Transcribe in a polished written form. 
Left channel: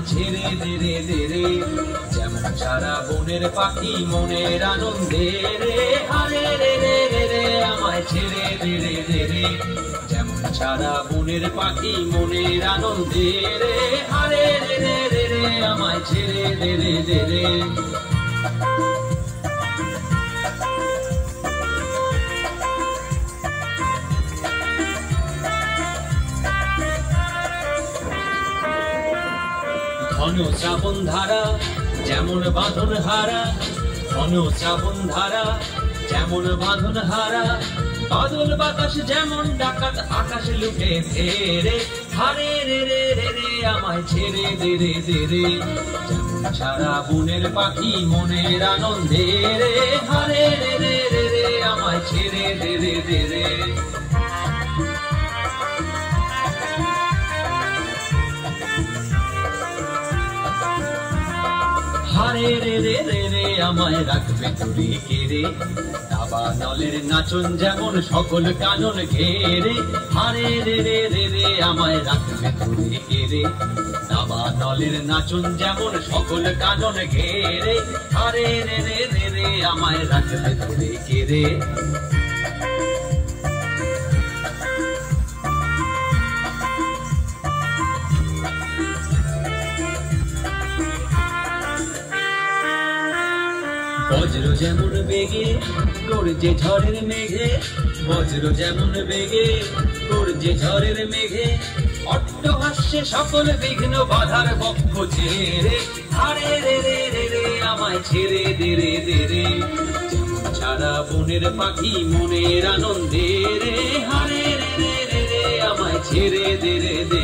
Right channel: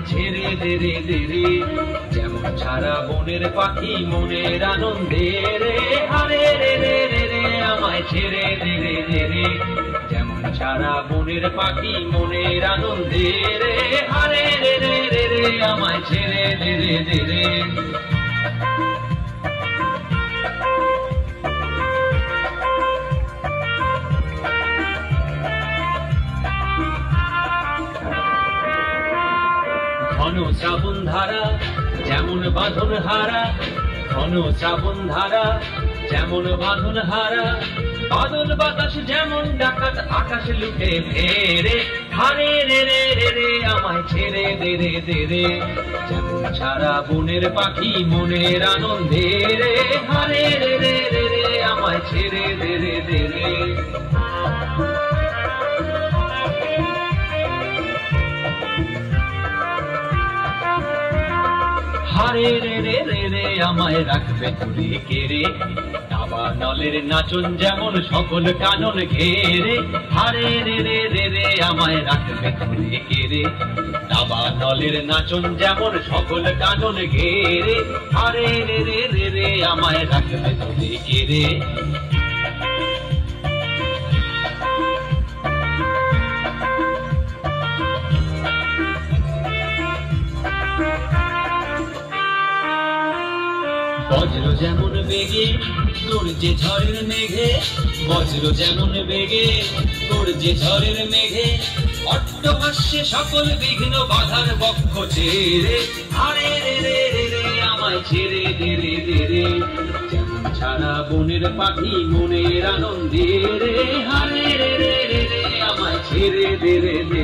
আমায় ছেড়ে দে রে দে রে, যেমন ছাড়া বনের পাখি মনের আনন্দে রে, হারে রে রে রে রে আমায় ছেড়ে দে রে দে রে, যেমন ছাড়া বনের পাখি মনের আনন্দে রে, হারে রে রে রে রে আমায় ছেড়ে দে রে দে রে। ঘন শ্রাবণ ধারা যেমন বাঁধন হারা, ঘন শ্রাবণ ধারা যেমন বাঁধন হারা, বাদল বাতাস যেমন ডাকাত আকাশ লুটে ফেরে, হারে রে রে রে রে আমায় ছেড়ে দে রে দে রে, যেমন ছাড়া বনের পাখি মনের আনন্দে রে, হারে রে রে রে রে আমায় ছেড়ে দে রে দে রে। হারে রে রে রে রে আমায় রাখবে তুলে কেড়ে, দাবা নলের নাচন যেমন সকল কানন ঘেরে, হারে রে রে রে রে আমায় রাখবে তুলে কেড়ে, দাবা নলের নাচন যেমন সকল কানন ঘেরে, হারে রে রে রে রে আমায় রাখবে তুলে কেড়ে। বজ্র যেমন বেগে গর্জে ঝড়ের মেঘে, বজ্র যেমন বেগে গর্জে ঝড়ের মেঘে, অট্টহাস্যে সকল বিঘ্ন বাধার বক্ষ ছেড়ে, হারে রে রে রে রে আমায় ছেড়ে দে রে দে রে, যেমন ছাড়া বনের পাখি মনের আনন্দে রে, হারে রে রে রে রে আমায় ছেড়ে দে রে দে